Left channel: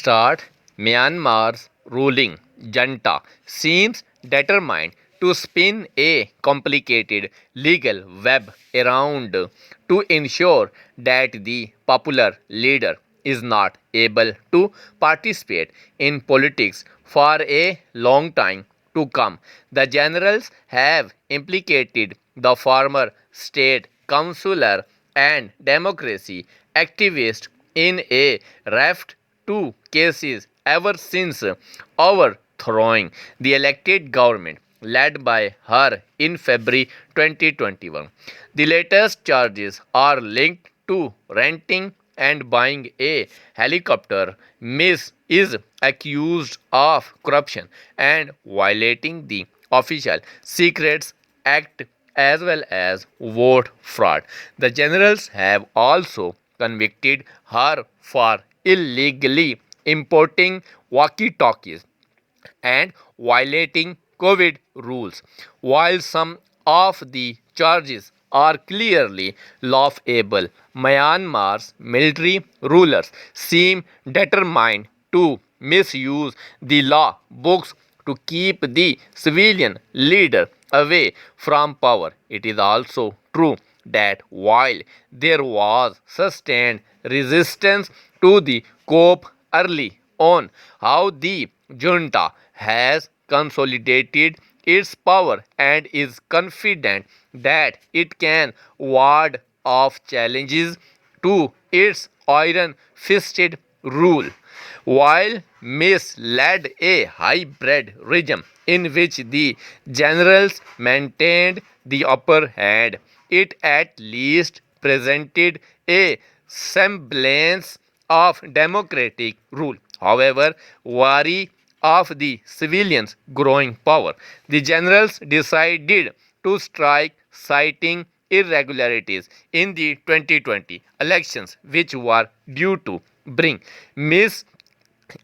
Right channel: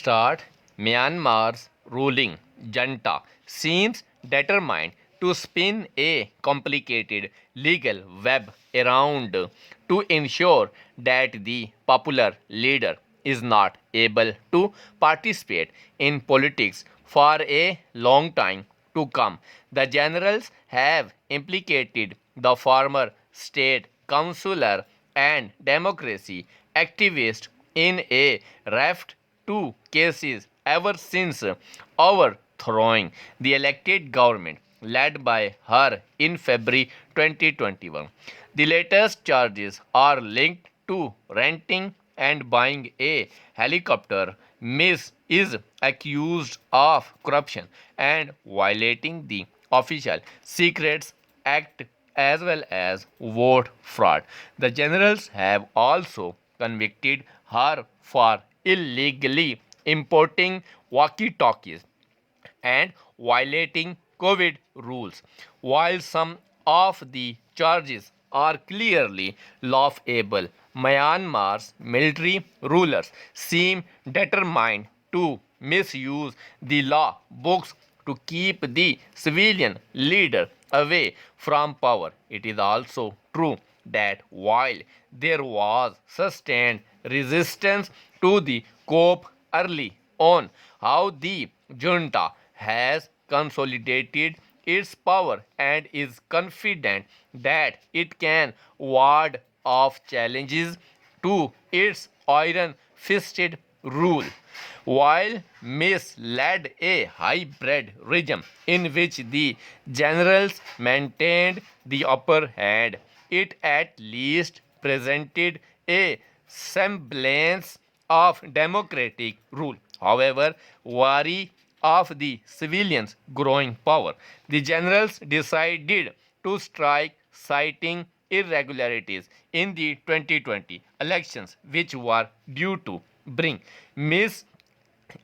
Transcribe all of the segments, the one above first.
start, Myanmar's ruling junta seems determined to spin a complicated legal web around to ensure that the popular leader is not able to participate in politics for a long time to come. The generals have implicated the former state councillor and democracy activist in a raft two cases ever since overthrowing the elected government led by her in February 2021. The latest charges are linked to renting and buying a helicopter. Miss is accused of corruption and violating the Official Secrets Act as well as vote fraud. The generals have also convicted her for illegally importing walkie talkies and violating COVID rules. While some of the charges are clearly laughable, Myanmar's military rulers seem determined to misuse the law books to keep the civilian leader away from power. It is also true that while there was sustained resistance to the coup early on, how the junta has consolidated its power and is confident that it can ward off challenges to its iron fisted rule. While Miss led a hybrid regime in which the generals maintained the upper hand, it at least presented a semblance of democratic rule. However, wary of the civilians' growing power, the generals decided to strike, citing irregularities in the 2020 elections, which were due to bring Miss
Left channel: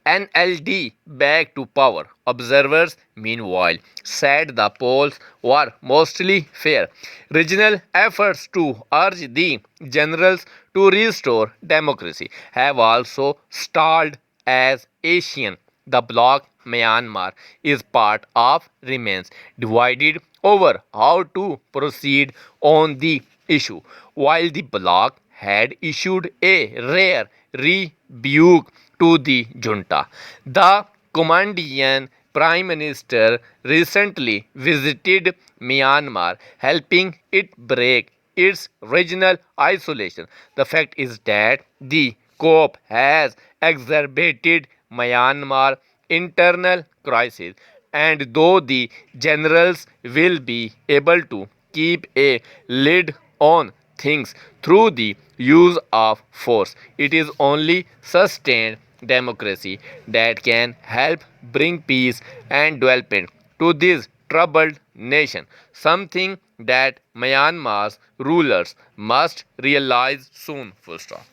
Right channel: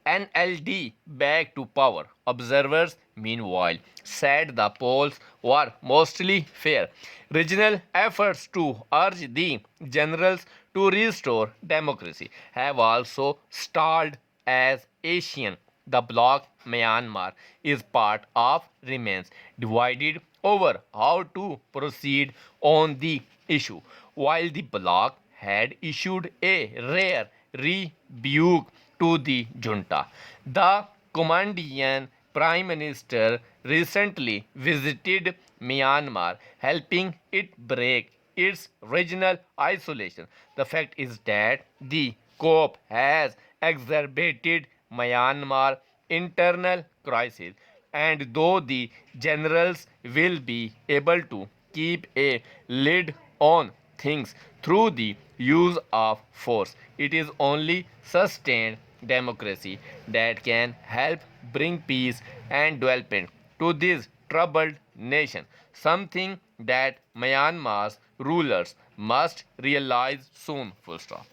NLD back to power. Observers, meanwhile, said the polls were mostly fair. Regional efforts to urge the generals to restore democracy have also stalled as Asian. The bloc Myanmar is part of remains divided over how to proceed on the issue. While the bloc had issued a rare rebuke to the junta, the Comandian Prime Minister recently visited Myanmar, helping it break its regional isolation. The fact is that the coup has exacerbated Myanmar internal crisis, and though the generals will be able to keep a lid on things through the use of force, it is only sustained democracy that can help bring peace and development to this troubled nation, something that Myanmar's rulers must realize soon. Full stop.